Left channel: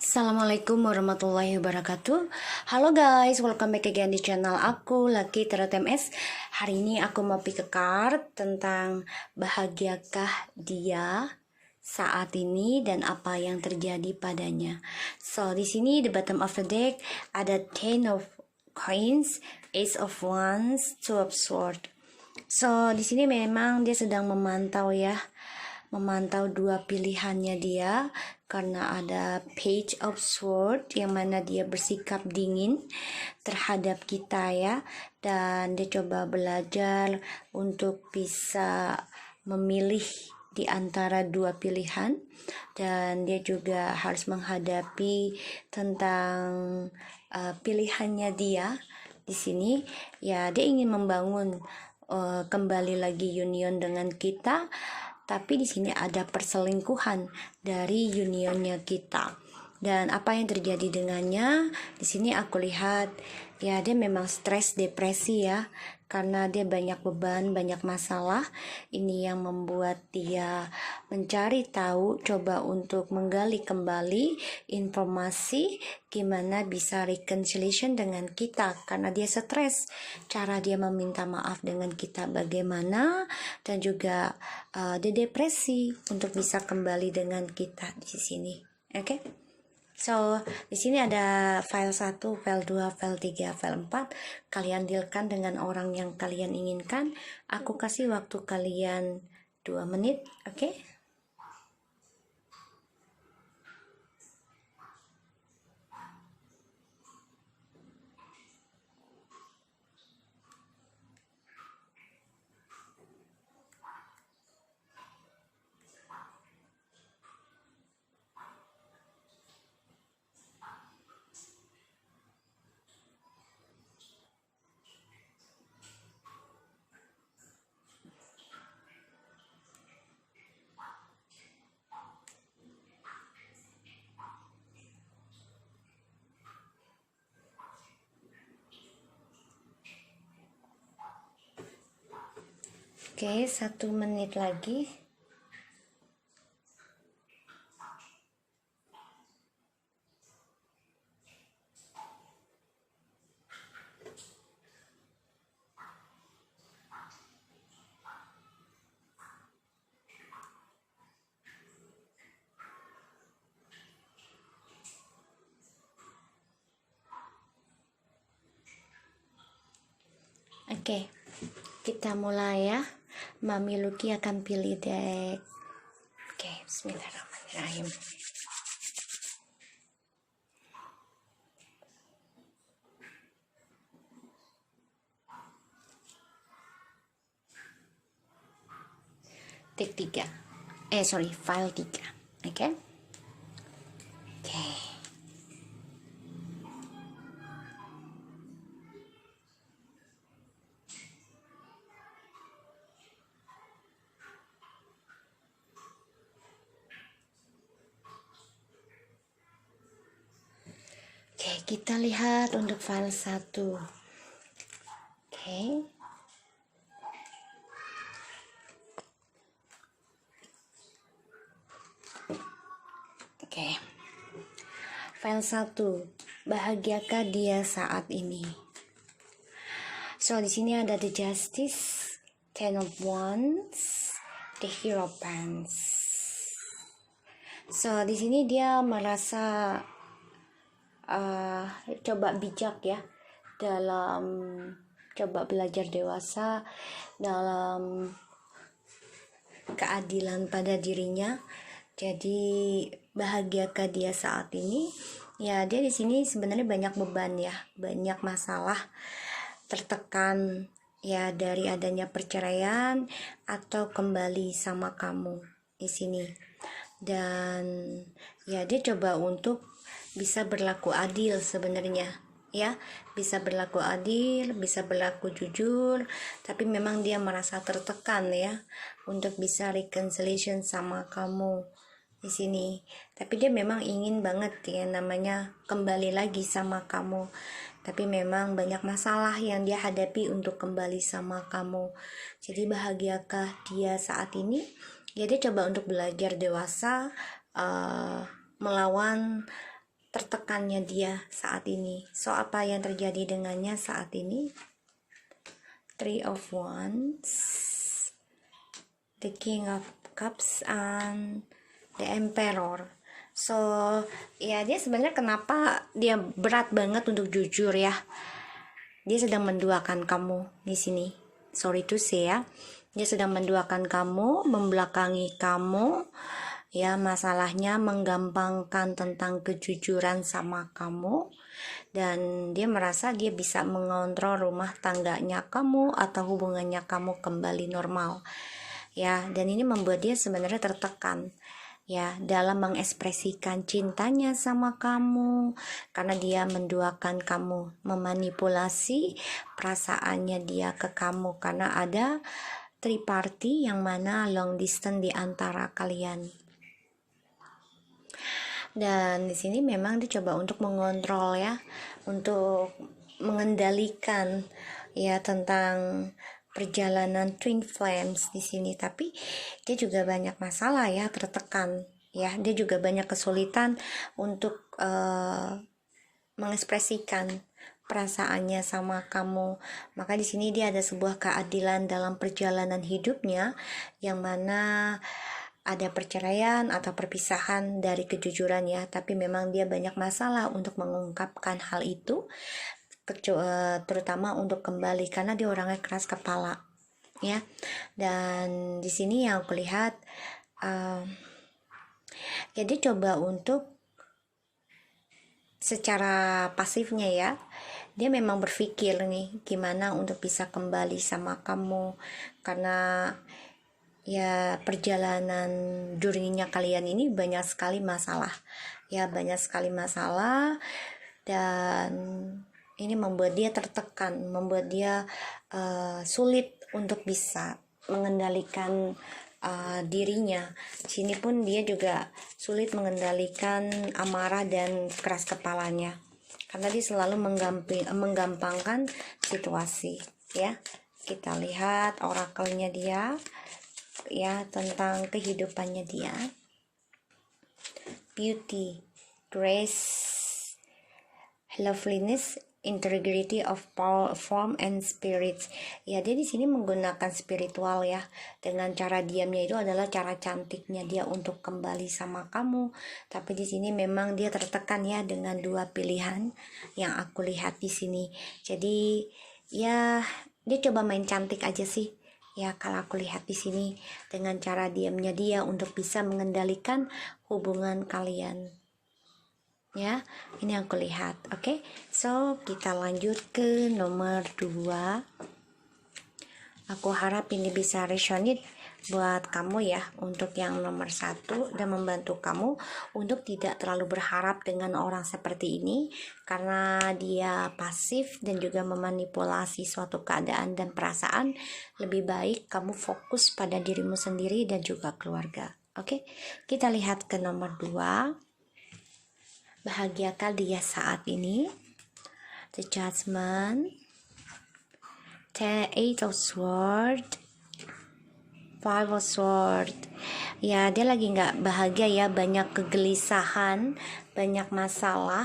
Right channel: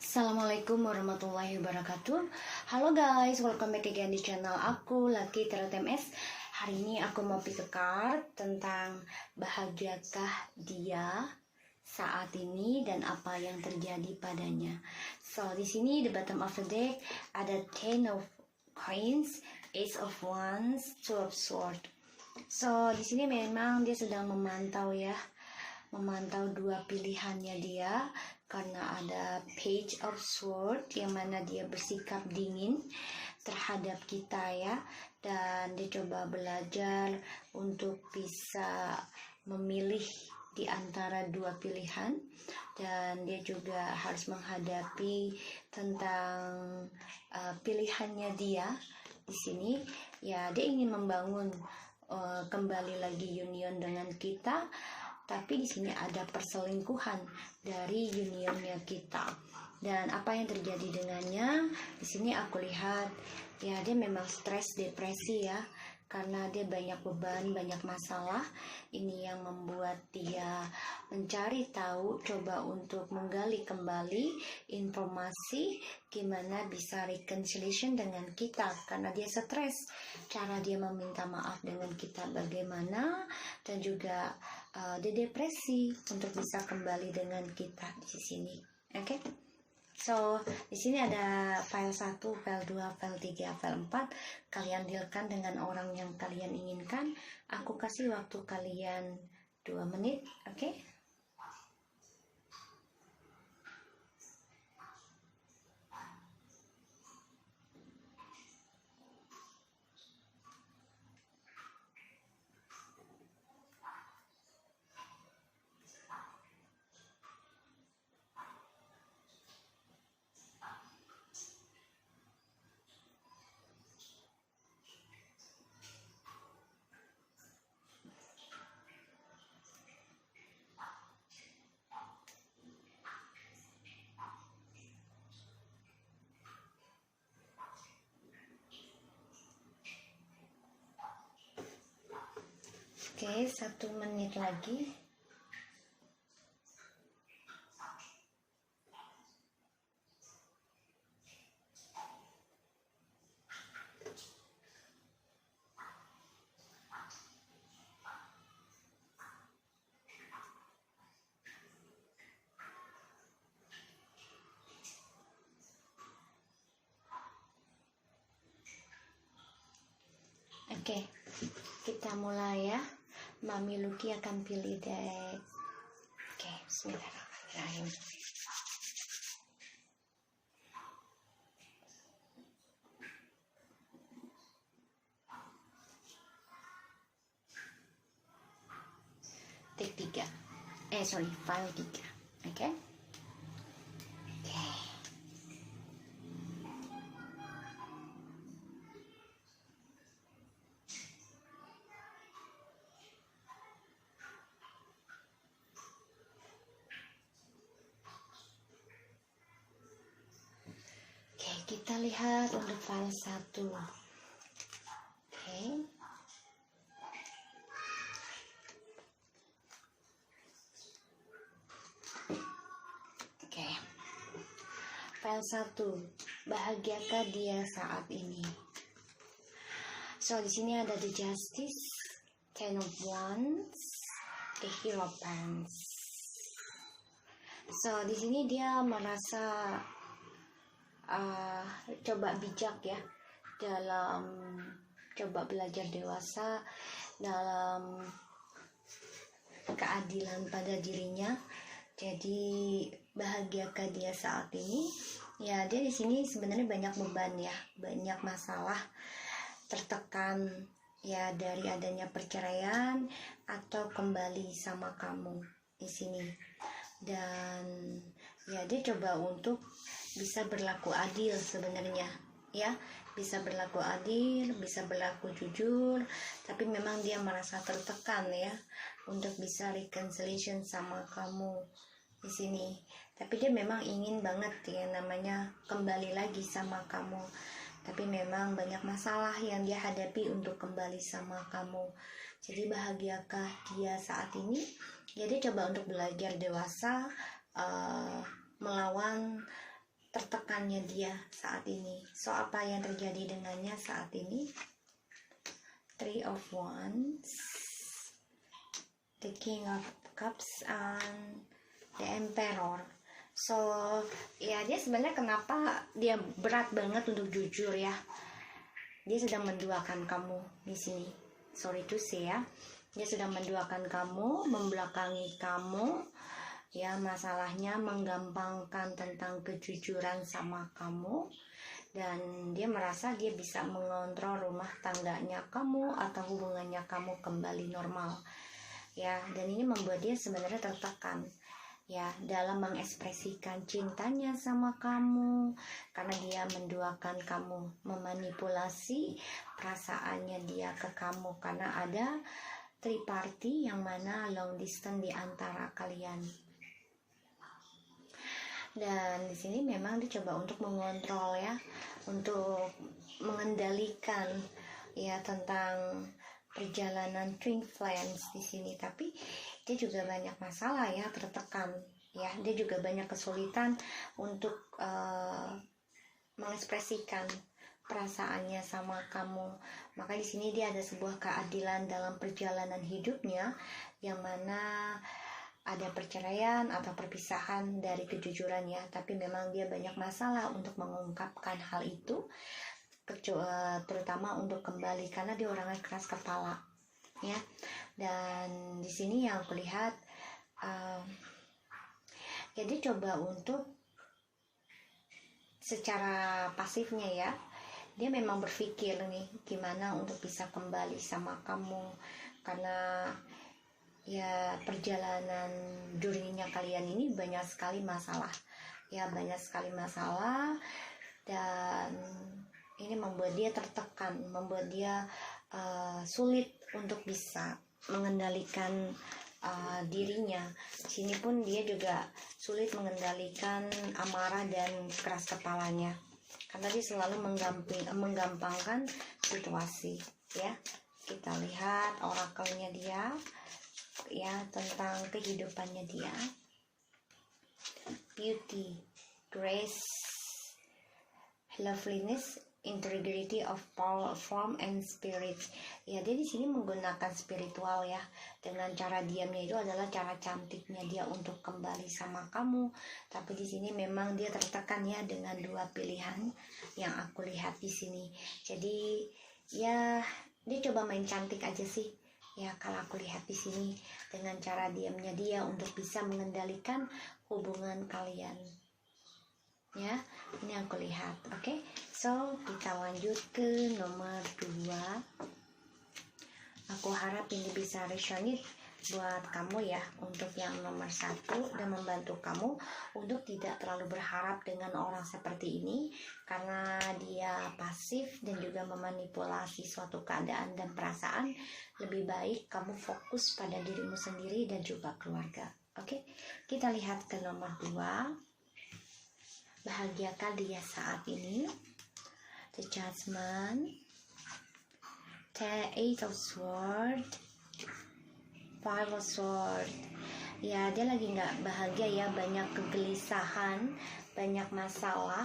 Assalamualaikum warahmatullahi wabarakatuh. Halo guys, welcome back again di channel aku, Lucky Tarot MS. Hari ini aku mau pick a card tentang bahagiakah dia saat ini dan apa yang terjadi padanya. So, di sini the bottom of the deck ada Ten of Coins, Ace of Wands, Two of Swords. So, di sini memang dia sedang memantau dua pilihannya dia, karena ada Page of Sword yang mana dia bersikap dingin terhadap kita ya, dan dia coba belajar untuk bisa memilih di antara dua pilihan, dan dia juga harus menghadapi tentang pilihannya dia di sini ya. Dia ingin membangun kembali lagi union dengan kita, tapi di sini ada perselingkuhan dari unionnya kita. Dan apa yang terjadi dengannya? Di sini aku lihat ya, dia memang stres, depresi ya, karena dia banyak beban, banyak masalah. Ini yang membuat dia mencari tahu, coba untuk menggali kembali informasi gimana bisa reconciliation dengan kita, karena dia stres. Cara dia meminta maaf dengan kita bagaimana, dan juga dia depresi untuk bisa kembali dengan kita di sini. Oke. So, di sini ada file 1, file 2, file 3, file 4. Kalian dealkan dengan orang yang kalian inginkan. Aku kasih waktu kalian 2 menit, oke? Oke, 1 menit lagi. Oke, kita mulai ya. Mami Lucky akan pilih deck. Oke, bismillahirrahmanirrahim. Deck 3. File 3. Oke. Oke. Oke, kita lihat untuk file 1. Oke. Oke. File 1. Bahagiakah dia saat ini? So, di sini ada the Justice, Ten of Wands, the Hierophant. So, di sini dia merasa coba bijak ya, dalam coba belajar dewasa dalam keadilan pada dirinya. Jadi bahagiakah dia saat ini? Ya, dia di sini sebenarnya banyak beban ya, banyak masalah, tertekan ya dari adanya perceraian atau kembali sama kamu di sini. Dan ya, dia coba untuk bisa berlaku adil sebenarnya ya, bisa berlaku adil, bisa berlaku jujur, tapi memang dia merasa tertekan ya untuk bisa reconciliation sama kamu di sini. Tapi dia memang ingin banget ya namanya kembali lagi sama kamu, tapi memang banyak masalah yang dia hadapi untuk kembali sama kamu. Jadi bahagiakah dia saat ini? Ya, dia coba untuk belajar dewasa, melawan tertekannya dia saat ini. So apa yang terjadi dengannya saat ini? Three of Wands, the King of Cups, and the Emperor. So ya, dia sebenarnya kenapa dia berat banget untuk jujur ya, dia sedang menduakan kamu di sini. Sorry to say ya, dia sedang menduakan kamu, membelakangi kamu ya. Masalahnya menggampangkan tentang kejujuran sama kamu, dan dia merasa dia bisa mengontrol rumah tangganya kamu atau hubungannya kamu kembali normal ya. Dan ini membuat dia sebenarnya tertekan ya dalam mengekspresikan cintanya sama kamu, karena dia menduakan kamu, memanipulasi perasaannya dia ke kamu, karena ada triparty yang mana long distance di antara kalian. Dan di sini memang dicoba untuk mengontrol ya, untuk mengendalikan ya tentang perjalanan twin flames di sini. Tapi dia juga banyak masalah ya, tertekan ya. Dia juga banyak kesulitan untuk mengekspresikan perasaannya sama kamu. Maka di sini dia ada sebuah keadilan dalam perjalanan hidupnya, yang mana ada perceraian atau perpisahan dari kejujuran ya, tapi memang dia banyak masalah untuk mengungkapkan hal itu, terutama untuk kembali, karena dia orangnya keras kepala ya. Dan di sini yang aku lihat jadi coba untuk secara pasifnya ya, dia memang berpikir nih gimana untuk bisa kembali sama kamu, karena ya perjalanan journey-nya kalian ini banyak sekali masalah ya, banyak sekali masalah. Dan ini membuat dia tertekan, membuat dia sulit untuk bisa mengendalikan dirinya. Sini pun dia juga sulit mengendalikan amarah dan keras kepalanya, karena dia selalu menggampangkan situasi ya. Kita lihat orakelnya dia ya tentang kehidupannya dia. Beauty, grace, loveliness, integrity of power, form and spirit. Ya, dia di sini menggunakan spiritual ya. Dengan cara diamnya itu adalah cara cantiknya dia untuk kembali sama kamu. Tapi di sini memang dia tertekan ya dengan dua pilihan yang aku lihat di sini. Jadi ya dia coba main cantik aja sih ya, kalau aku lihat di sini, dengan cara diamnya dia untuk bisa mengendalikan hubungan kalian ya. Ini yang aku lihat. Oke, so kita lanjut ke nomor 2. Aku harap ini bisa resonate buat kamu ya, untuk yang nomor 1, dan membantu kamu untuk tidak terlalu berharap dengan orang seperti ini, karena dia pasif dan juga memanipulasi suatu keadaan dan perasaan. Lebih baik kamu fokus pada dirimu sendiri dan juga keluarga. Oke, kita lihat ke nomor 2. Bahagiakah dia saat ini? The Judgment, the Eight of Swords, Five of Swords. Ya, dia lagi nggak bahagia ya, banyak kegelisahan, banyak masalah,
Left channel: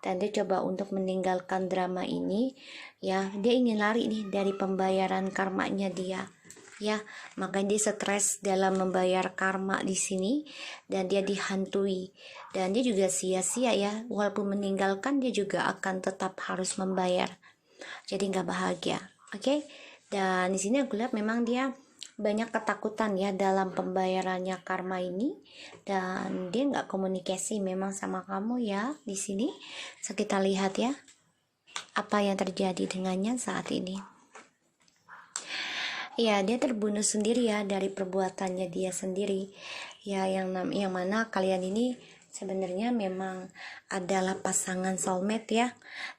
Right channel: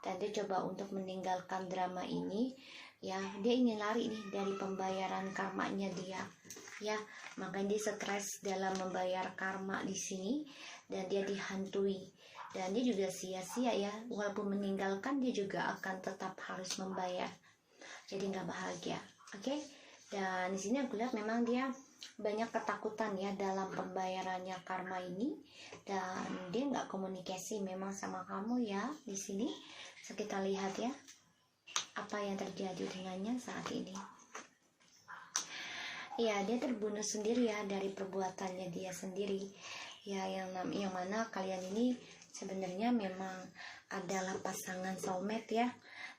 dan dia coba untuk meninggalkan drama ini ya. Dia ingin lari nih dari pembayaran karmanya dia ya, makanya dia stres dalam membayar karma di sini, dan dia dihantui, dan dia juga sia-sia ya, walaupun meninggalkan dia juga akan tetap harus membayar, jadi nggak bahagia. Oke. Dan di sini aku lihat memang dia banyak ketakutan ya dalam pembayarannya karma ini, dan dia nggak komunikasi memang sama kamu ya di sini. So kita lihat ya apa yang terjadi dengannya saat ini. Ya, dia terbunuh sendiri ya dari perbuatannya dia sendiri ya, yang mana kalian ini sebenarnya memang adalah pasangan soulmate ya,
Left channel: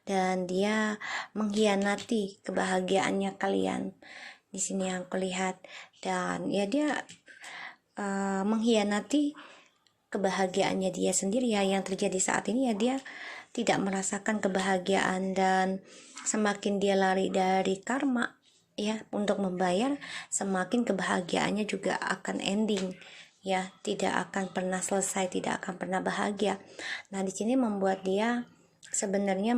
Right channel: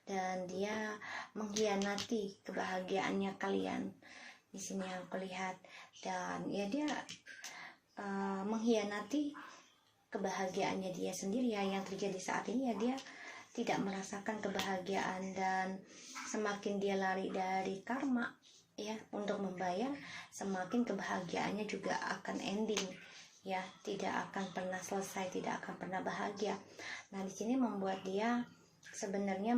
dan dia mengkhianati kebahagiaannya kalian di sini yang aku lihat. Dan ya dia mengkhianati kebahagiaannya dia sendiri ya. Yang terjadi saat ini ya, dia tidak merasakan kebahagiaan, dan semakin dia lari dari karma ya untuk membayar, semakin kebahagiaannya juga akan ending ya, tidak akan pernah selesai, tidak akan pernah bahagia. Nah, di sini membuat dia sebenarnya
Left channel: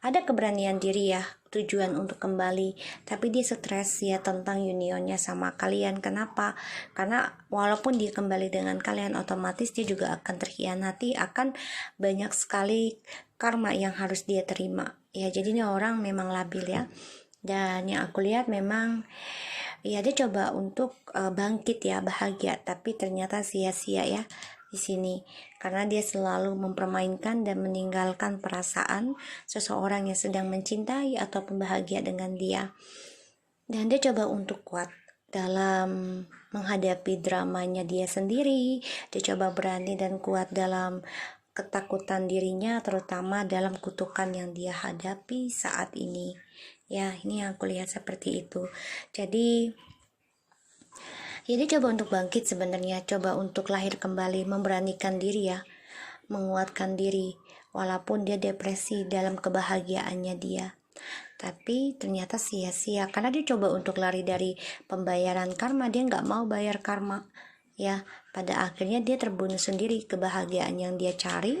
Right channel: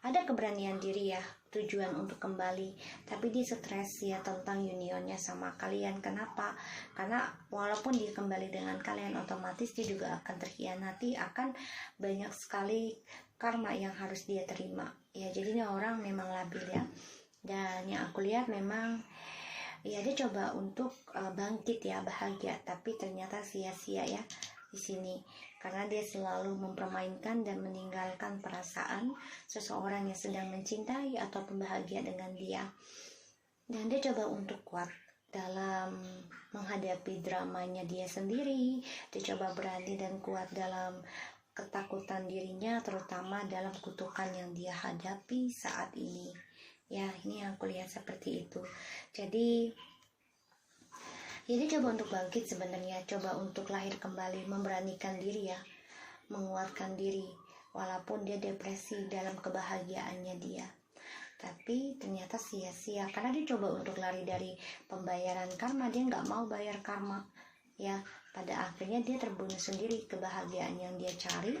ada keberanian diri ya, tujuan untuk kembali, tapi dia stres ya tentang unionnya sama kalian. Kenapa? Karena walaupun dia kembali dengan kalian, otomatis dia juga akan terkhianati, akan banyak sekali karma yang harus dia terima ya. Jadi ini orang memang labil ya, dan yang aku lihat memang ya dia coba untuk bangkit ya, bahagia, tapi ternyata sia-sia ya di sini, karena dia selalu mempermainkan dan meninggalkan perasaan seseorang yang sedang mencintai ataupun bahagia dengan dia. Dan dia coba untuk kuat dalam menghadapi dramanya dia sendiri. Dia coba berani dan kuat dalam ketakutan dirinya, terutama dalam kutukan yang dia hadapi saat ini. Ya, ini yang aku lihat seperti itu. Jadi dia coba untuk bangkit sebenarnya, coba untuk lahir kembali, memberanikan diri ya, menguatkan diri, walaupun dia depresi dalam kebahagiaannya dia. Tapi ternyata sia-sia, karena dia coba untuk lari dari pembayaran karma, dia nggak mau bayar karma. Ya, pada akhirnya dia terbunuh sendiri kebahagiaan yang dia cari,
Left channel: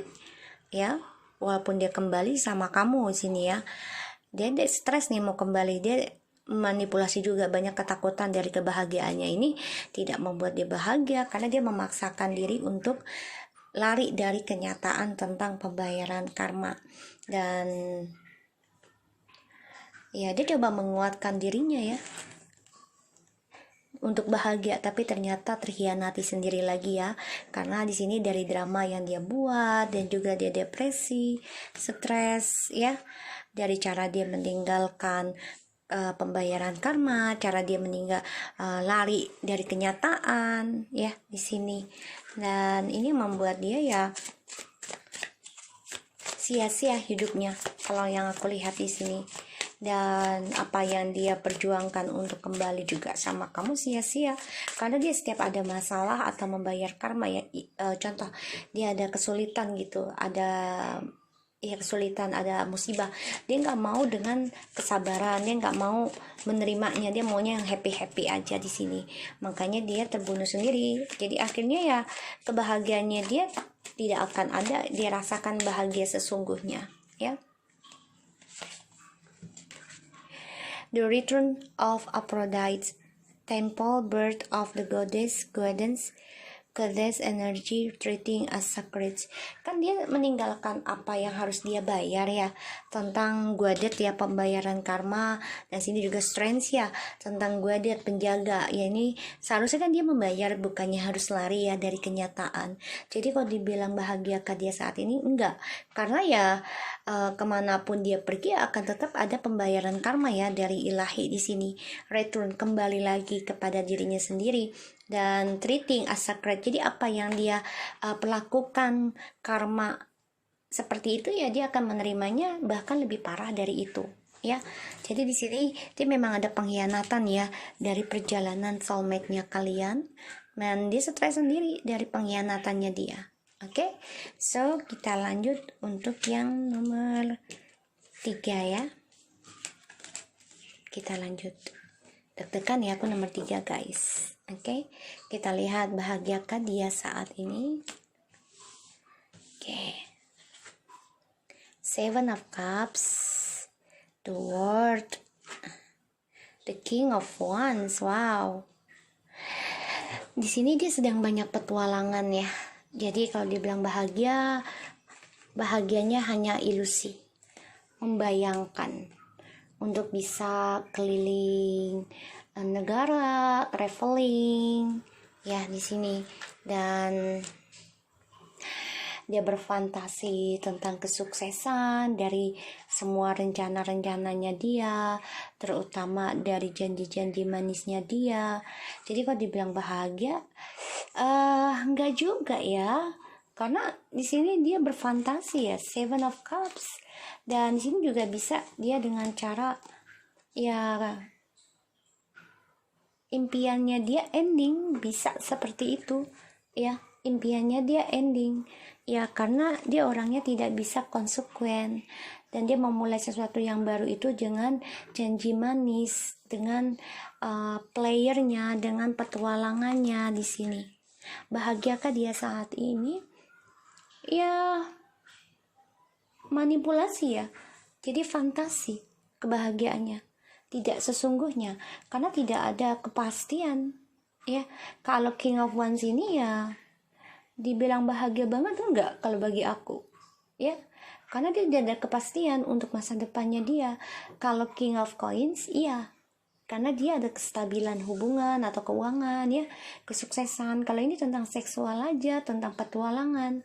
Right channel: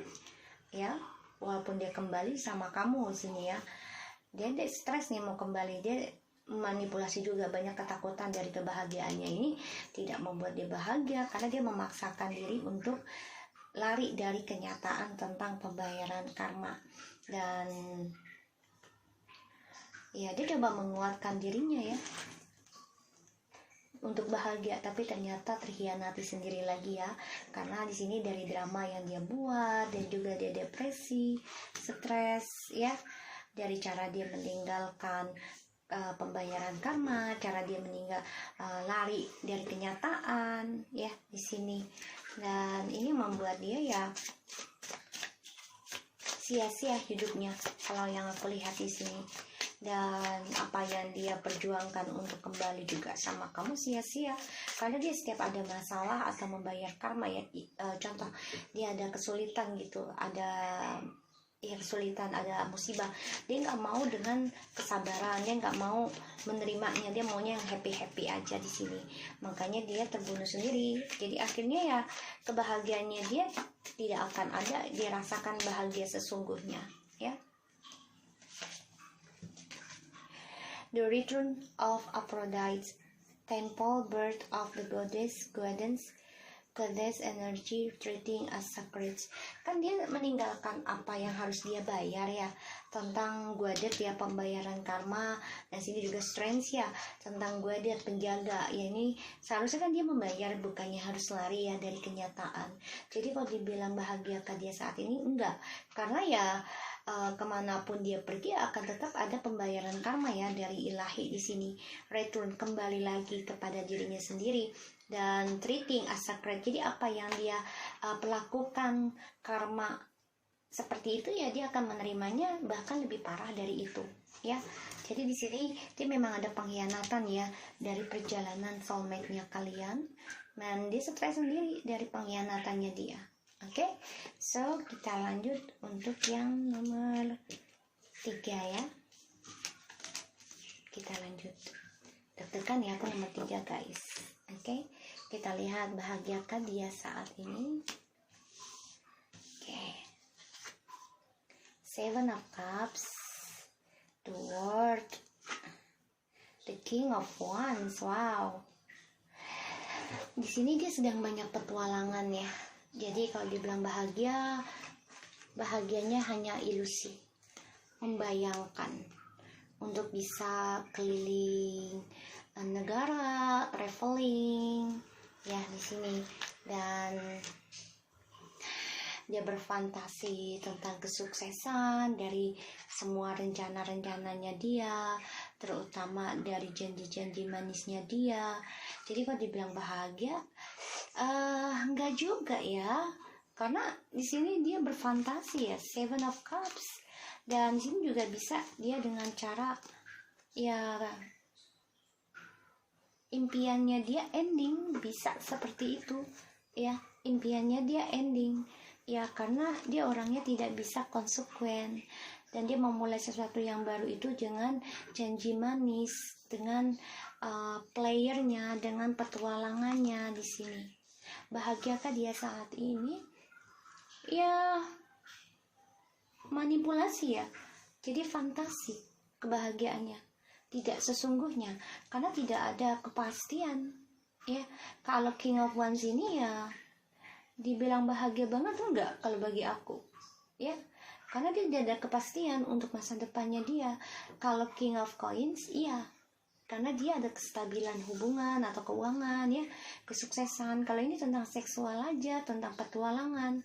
ya, walaupun dia kembali sama kamu di sini ya. Dia stres nih mau kembali, dia manipulasi juga, banyak ketakutan dari kebahagiaannya ini tidak membuat dia bahagia, karena dia memaksakan diri untuk lari dari kenyataan tentang pembayaran karma. Dan ya dia coba menguatkan dirinya ya untuk bahagia, tapi ternyata terkhianati sendiri lagi ya, karena di sini dari drama yang dia buat dan juga dia depresi, stres ya, dari cara dia meninggalkan pembayaran karma, cara dia lari dari kenyataan ya di sini. Dan ini membuat dia ya sia-sia hidupnya kalau yang aku lihat di sini. Dan apa yang dia perjuangkan untuk kembali juga sama kamu sia-sia, karena dia setiap ada masalah atau membayar karma ya, contoh dia ada kesulitan gitu, ada kesulitan, ada musibah, dia nggak mau dengan kesabaran, dia nggak mau menerimanya, dia maunya yang happy aja di sini. Makanya dia terbunuh sendiri. Jadi akhirnya ya kebahagiaannya dia tidak akan ada, dia rasakan bahagia sesungguhnya ya. The return of Aphrodite temple, birth of the goddess energy treating as sacred. Kan dia meninggalkan apa yang harus dia bayar ya, tentang Godet ya, pembayaran karma. Dan sini juga strength ya, tentang Godet penjaga ya. Ini seharusnya kan dia membayar, bukannya harus lari ya dari kenyataan. Jadi kalau dibilang bahagiakah dia saat ini, enggak, karena ya kemanapun dia pergi akan tetap ada pembayaran karma ya dari ilahi di sini. Return, kembali lagi kepada dirinya sendiri, dan treating as sacred. Jadi apa yang dia perlakukan karma seperti itu ya, dia akan menerimanya bahkan lebih parah dari itu ya. Jadi di sini dia memang ada pengkhianatan ya dari perjalanan soulmate-nya kalian, dan dia stres sendiri dari pengkhianatannya dia. Oke, so kita lanjut untuk yang nomor 3 ya. Kita lanjut. Deg-degan ya aku nomor 3 guys. Oke, kita lihat bahagiakah dia saat ini. Oke, Seven of Cups, the World, the King of Wands. Wow, di sini dia sedang banyak petualangan ya. Jadi kalau dibilang bahagia, bahagianya hanya ilusi, membayangkan untuk bisa keliling negara, traveling ya di sini. Dan dia berfantasi tentang kesuksesan dari semua rencana-rencananya dia, terutama dari janji-janji manisnya dia. Jadi kalau dibilang bahagia, enggak juga ya, karena di sini dia berfantasi ya, Seven of Cups. Dan di sini juga bisa dia dengan cara ya impiannya dia ending, bisa seperti itu ya, impiannya dia ending ya, karena dia orangnya tidak bisa konsekuen, dan dia memulai sesuatu yang baru itu dengan janji manis, dengan playernya, dengan petualangannya di sini. Bahagiakah dia saat ini? Ya, manipulasi ya. Jadi fantasi kebahagiaannya, tidak sesungguhnya, karena tidak ada kepastian. Ya, kalau King of Wands ini ya dibilang bahagia banget enggak kalau bagi aku. Ya, karena dia tidak ada kepastian untuk masa depannya dia. Kalau King of Coins, iya, karena dia ada kestabilan hubungan atau keuangan ya, kesuksesan. Kalau ini tentang seksual aja, tentang petualangan.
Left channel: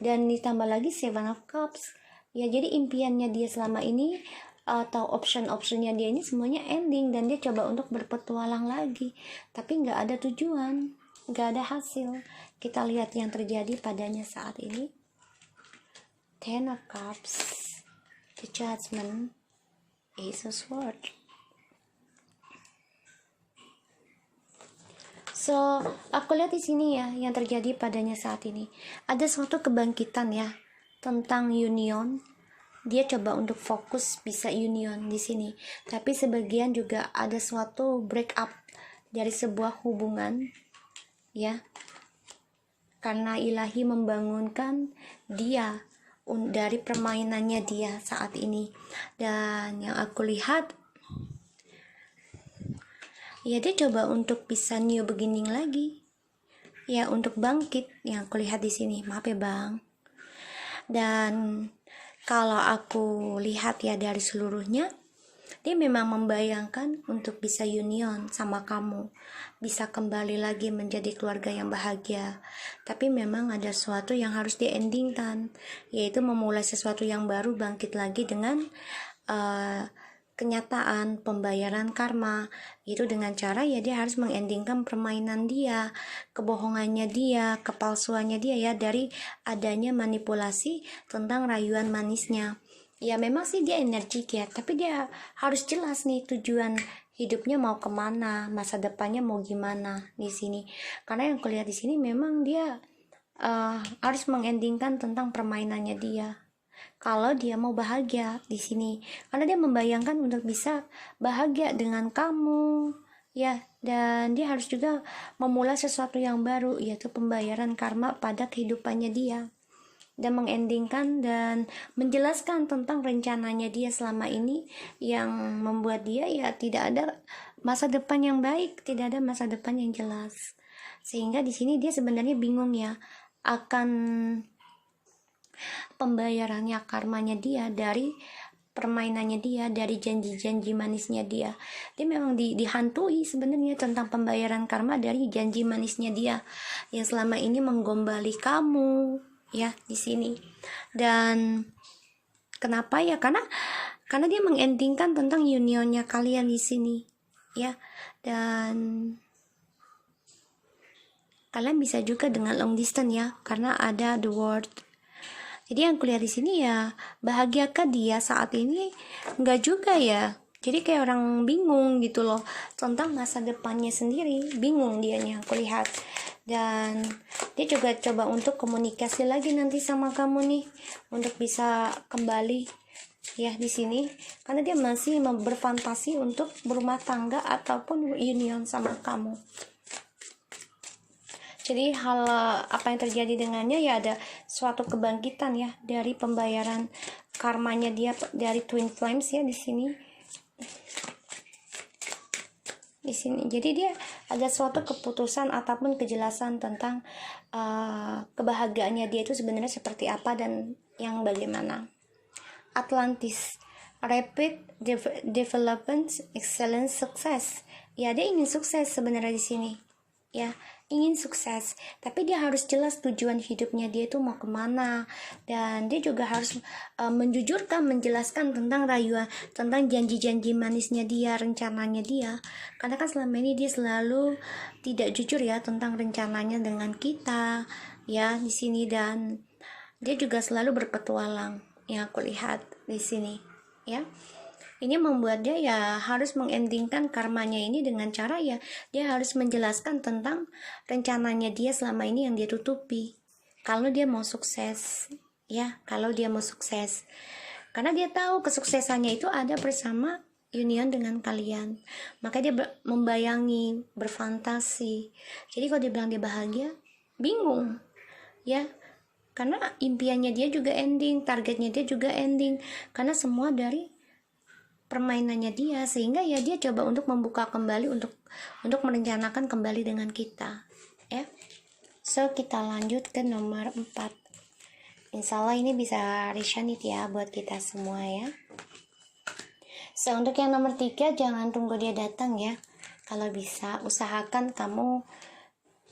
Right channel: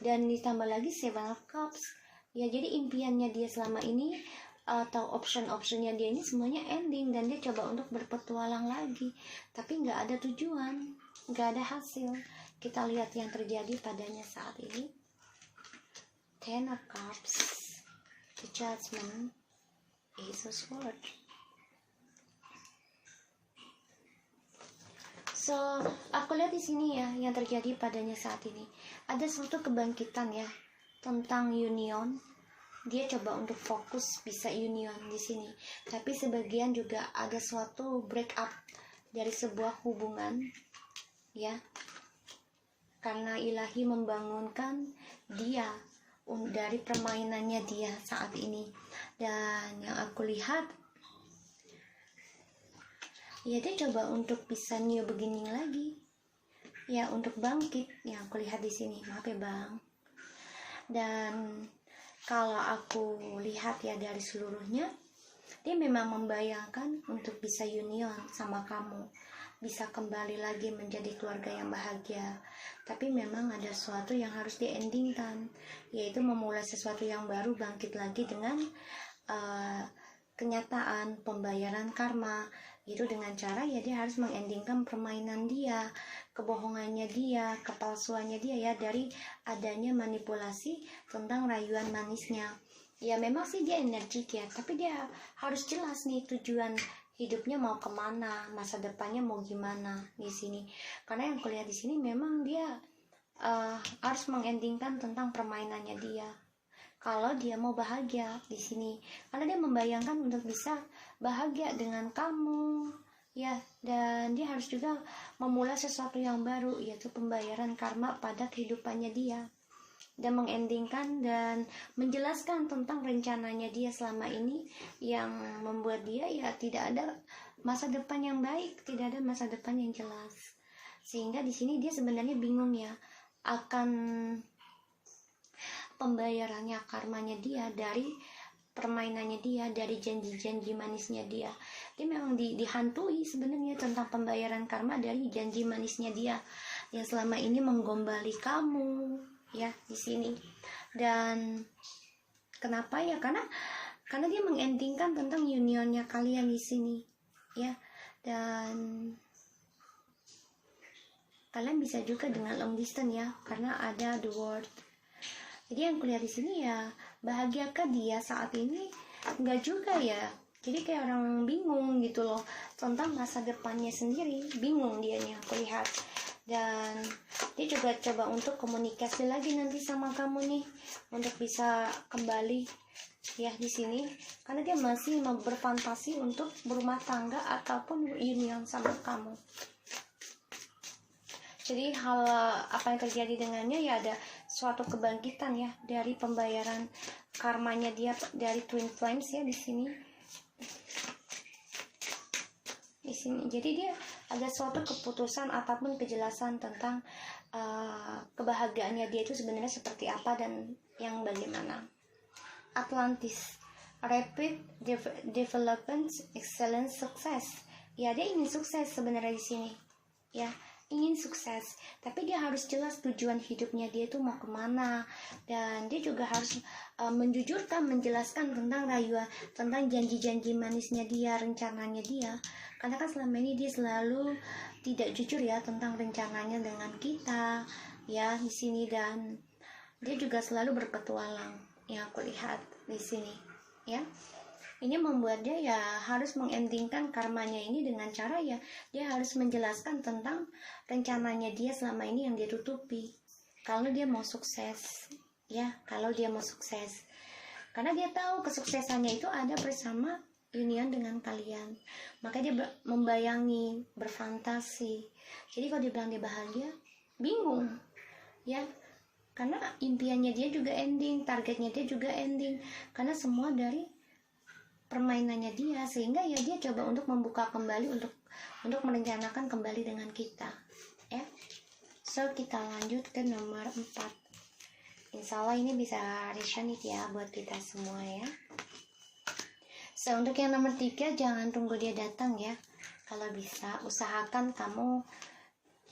Dan ditambah lagi Seven of Cups ya, jadi impiannya dia selama ini atau option-optionnya dia ini semuanya ending, dan dia coba untuk berpetualang lagi, tapi nggak ada tujuan, nggak ada hasil. Kita lihat yang terjadi padanya saat ini. Ten of Cups, The Judgment, Ace of Swords. So, aku lihat di sini ya, yang terjadi padanya saat ini ada suatu kebangkitan ya tentang union. Dia coba untuk fokus bisa union di sini, tapi sebagian juga ada suatu break up dari sebuah hubungan ya, karena ilahi membangunkan dia dari permainannya dia saat ini. Dan yang aku lihat ya, dia coba untuk bisa new beginning lagi ya, untuk bangkit yang aku lihat di sini. Maaf ya bang. Dan kalau aku lihat ya dari seluruhnya, dia memang membayangkan untuk bisa union sama kamu, bisa kembali lagi menjadi keluarga yang bahagia. Tapi memang ada sesuatu yang harus di-endingkan, yaitu memulai sesuatu yang baru, bangkit lagi dengan kenyataan pembayaran karma, itu dengan cara ya dia harus mengendingkan permainan dia, kebohongannya dia, kepalsuannya dia ya, dari adanya manipulasi tentang rayuan manisnya. Ya memang sih dia energik ya, tapi dia harus jelas nih tujuan hidupnya mau kemana, masa depannya mau gimana di sini. Karena yang kulihat di sini memang dia harus mengendingkan tentang permainannya dia. Kalau dia mau bahagia di sini, karena dia membayangkan untuk bisa bahagia dengan kamu ya, dan dia harus juga memulai sesuatu yang baru, yaitu pembayaran karma pada kehidupannya dia, dan mengendingkan dan menjelaskan tentang rencananya dia selama ini yang membuat dia ya tidak ada masa depan yang baik, tidak ada masa depan yang jelas. Sehingga di sini dia sebenarnya bingung ya akan pembayarannya, karmanya dia dari permainannya dia, dari janji-janji manisnya dia. Dia memang dihantui sebenarnya tentang pembayaran karma dari janji manisnya dia yang selama ini menggombali kamu ya di sini. Dan kenapa ya? Karena dia mengendingkan tentang unionnya kalian di sini ya. Dan kalian bisa juga dengan long distance ya, karena ada the word. Jadi yang kulihat di sini ya, bahagiakah dia saat ini? Enggak juga ya. Jadi kayak orang bingung gitu loh tentang masa depannya sendiri, bingung dianya aku lihat. Dan dia juga coba untuk komunikasi lagi nanti sama kamu nih, untuk bisa kembali ya di sini, karena dia masih berfantasi untuk berumah tangga ataupun union sama kamu. Jadi hal apa yang terjadi dengannya ya, ada suatu kebangkitan ya dari pembayaran karmanya dia dari Twin Flames ya di sini. Di sini. Jadi dia ada suatu keputusan ataupun kejelasan tentang kebahagiaannya dia itu sebenarnya seperti apa dan yang bagaimana. Atlantis, rapid development, excellence, success. Ya, dia ingin sukses sebenarnya di sini. Ya, ingin sukses, tapi dia harus jelas tujuan hidupnya dia itu mau kemana, dan dia juga harus menjujurkan, menjelaskan tentang rayuan, tentang janji-janji manisnya dia, rencananya dia, karena kan selama ini dia selalu tidak jujur ya tentang rencananya dengan kita ya di sini. Dan dia juga selalu berpetualang yang aku lihat di sini ya. Ini membuat dia ya harus mengendingkan karmanya ini dengan cara ya dia harus menjelaskan tentang rencananya dia selama ini yang dia tutupi. Kalau dia mau sukses ya, kalau dia mau sukses, karena dia tahu kesuksesannya itu ada bersama union dengan kalian, maka dia membayangi, berfantasi. Jadi kalau dia bilang dia bahagia, bingung ya, karena impiannya dia juga ending, targetnya dia juga ending, karena semua dari permainannya dia, sehingga ya dia coba untuk membuka kembali, untuk merencanakan kembali dengan kita ya. So kita lanjut ke nomor 4. Insya Allah ini bisa resonate ya buat kita semua ya. So untuk yang nomor 3, jangan tunggu dia datang ya. Kalau bisa usahakan kamu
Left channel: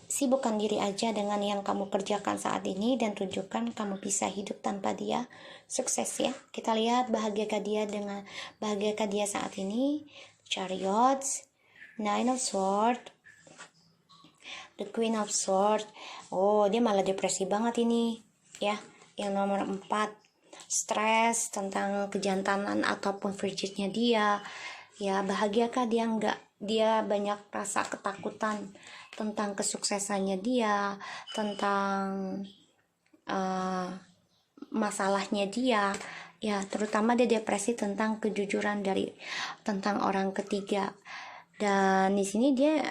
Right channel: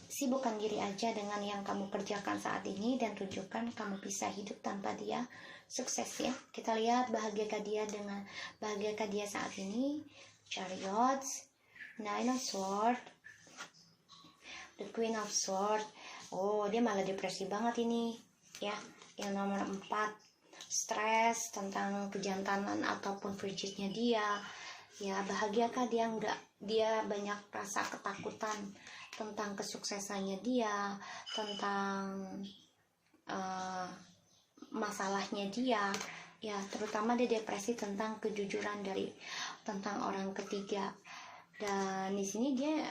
sibukkan diri aja dengan yang kamu kerjakan saat ini, dan tunjukkan kamu bisa hidup tanpa dia, sukses ya. Kita lihat bahagiakah dia saat ini. Chariots, Nine of Swords, The Queen of Swords. Oh, dia malah depresi banget ini ya. Yang nomor 4, stres tentang kejantanan ataupun virginnya dia ya. Bahagiakah dia? Enggak. Dia banyak rasa ketakutan tentang kesuksesannya dia, tentang masalahnya dia ya, terutama dia depresi tentang kejujuran tentang orang ketiga. Dan di sini dia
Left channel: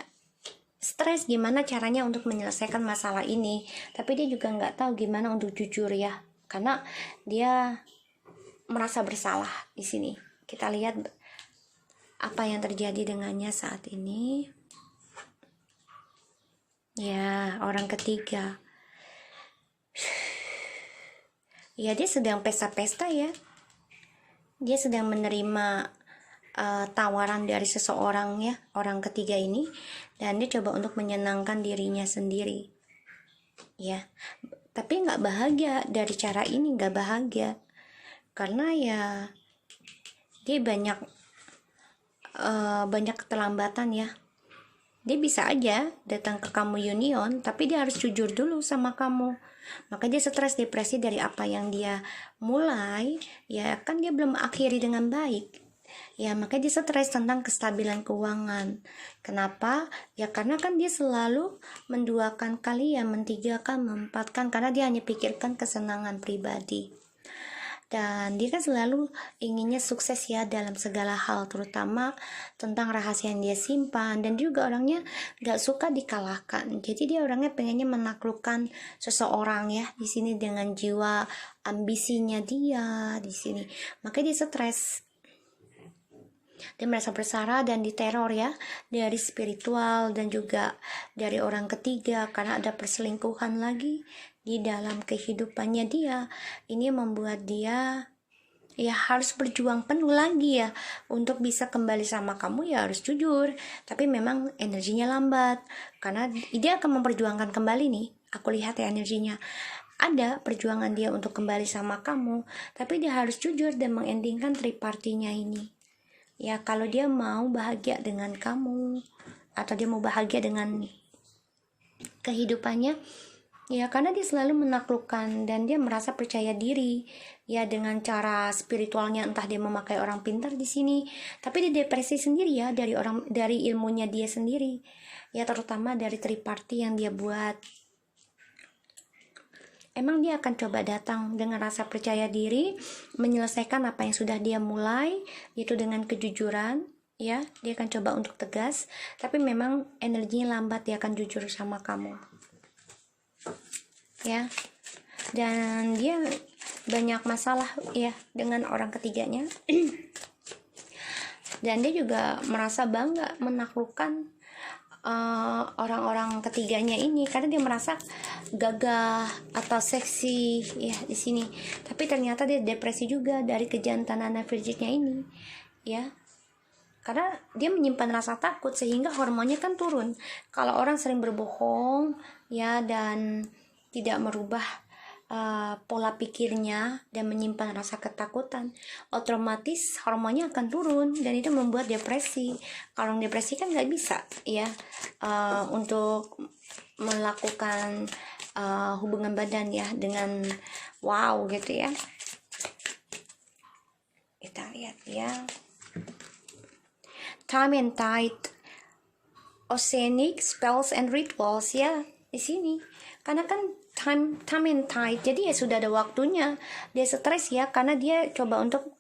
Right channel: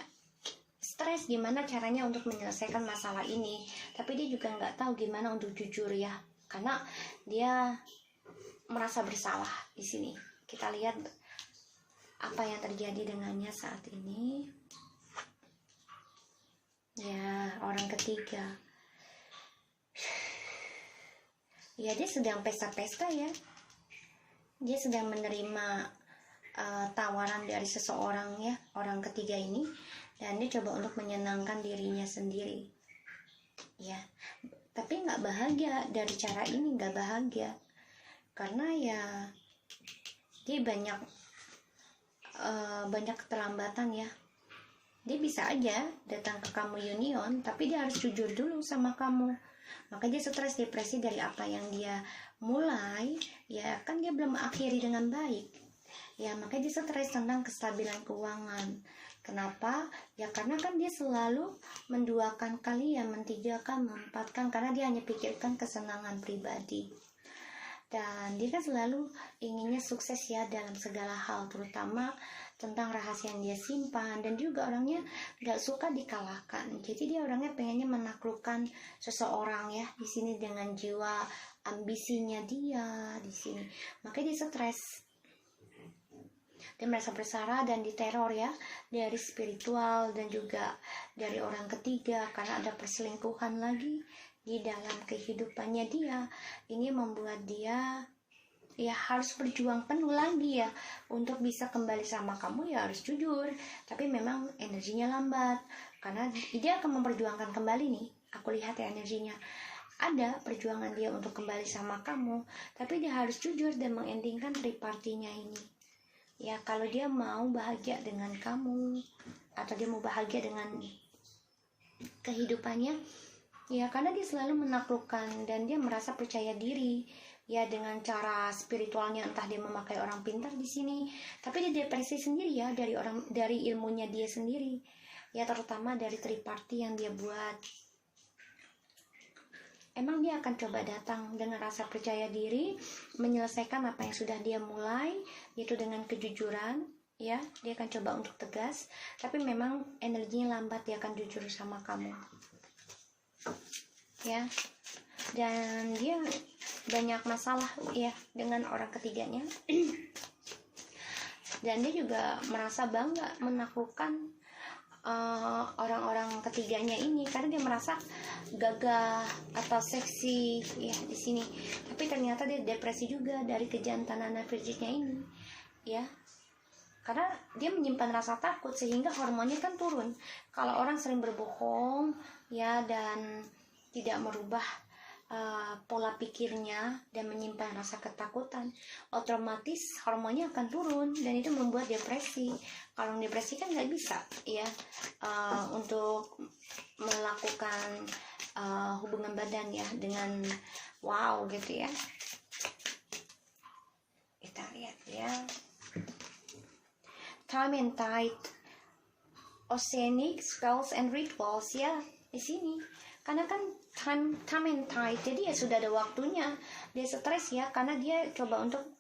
stres gimana caranya untuk menyelesaikan masalah ini, tapi dia juga nggak tahu gimana untuk jujur ya, karena dia merasa bersalah di sini. Kita lihat apa yang terjadi dengannya saat ini ya. Orang ketiga ya, dia sedang pesta-pesta ya, dia sedang menerima tawaran dari seseorang ya, orang ketiga ini, dan dia coba untuk menyenangkan dirinya sendiri ya, tapi nggak bahagia dari cara ini, nggak bahagia karena ya dia banyak keterlambatan ya. Dia bisa aja datang ke kamu union, tapi dia harus jujur dulu sama kamu. Maka dia stres, depresi dari apa yang dia mulai ya, kan dia belum akhiri dengan baik ya, makanya dia stres tentang kestabilan keuangan. Kenapa? Ya karena kan dia selalu menduakan kali ya, mentigakan, meempatkan, karena dia hanya pikirkan kesenangan pribadi. Dan dia kan selalu inginnya sukses ya dalam segala hal, terutama tentang rahasia yang dia simpan, dan juga orangnya gak suka dikalahkan. Jadi dia orangnya pengennya menaklukkan seseorang ya di sini, dengan jiwa ambisinya dia di sini. Makanya dia stres. Dia merasa bersalah dan diteror ya, dari spiritual dan juga dari orang ketiga, karena ada perselingkuhan lagi di dalam kehidupannya dia. Ini membuat dia ya harus berjuang penuh lagi ya untuk bisa kembali sama kamu, ya harus jujur, tapi memang energinya lambat karena dia akan memperjuangkan kembali nih. Aku lihat ya energinya ada perjuangan dia untuk kembali sama kamu, tapi dia harus jujur dan mengendingkan tripartinya ini ya. Kalau dia mau bahagia dengan kamu, atau dia mau bahagia dengan kehidupannya ya, karena dia selalu menaklukkan dan dia merasa percaya diri ya dengan cara spiritualnya, entah dia memakai orang pintar di sini, tapi dia depresi sendiri ya dari ilmunya dia sendiri ya, terutama dari triparti yang dia buat. Emang dia akan coba datang dengan rasa percaya diri, menyelesaikan apa yang sudah dia mulai, yaitu dengan kejujuran ya. Dia akan coba untuk tegas, tapi memang energinya lambat, dia akan jujur sama kamu ya. Dan dia banyak masalah ya dengan orang ketiganya dan dia juga merasa bangga menaklukkan orang-orang ketiganya ini, karena dia merasa gagah atau seksi ya di sini. Tapi ternyata dia depresi juga dari kejantanan virginnya ini ya, karena dia menyimpan rasa takut sehingga hormonnya kan turun. Kalau orang sering berbohong ya dan tidak merubah pola pikirnya dan menyimpan rasa ketakutan, otomatis hormonnya akan turun dan itu membuat depresi. Kalau depresi kan nggak bisa ya untuk melakukan hubungan badan ya dengan wow gitu ya. Kita lihat ya, time and tide, oceanic spells and rituals ya di sini, karena kan time and tide. Jadi ya sudah ada waktunya. Dia stres ya karena dia coba untuk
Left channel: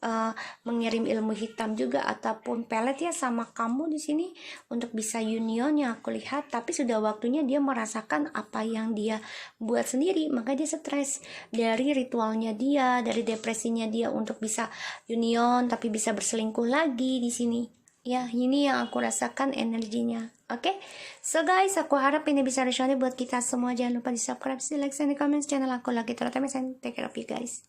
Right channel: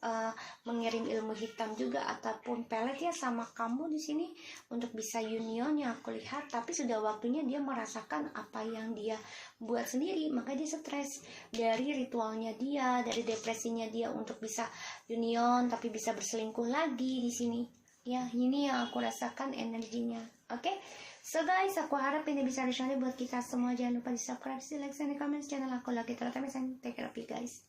mengirim ilmu hitam juga ataupun pelet ya sama kamu di sini untuk bisa union yang aku lihat. Tapi sudah waktunya dia merasakan apa yang dia buat sendiri, maka dia stres dari ritualnya dia, dari depresinya dia untuk bisa union tapi bisa berselingkuh lagi di sini. Ya, ini yang aku rasakan energinya. Oke, so guys, aku harap ini bisa resonate buat kita semua. Jangan lupa di subscribe, di like, dan di comment channel aku lagi terus. Take care of you guys.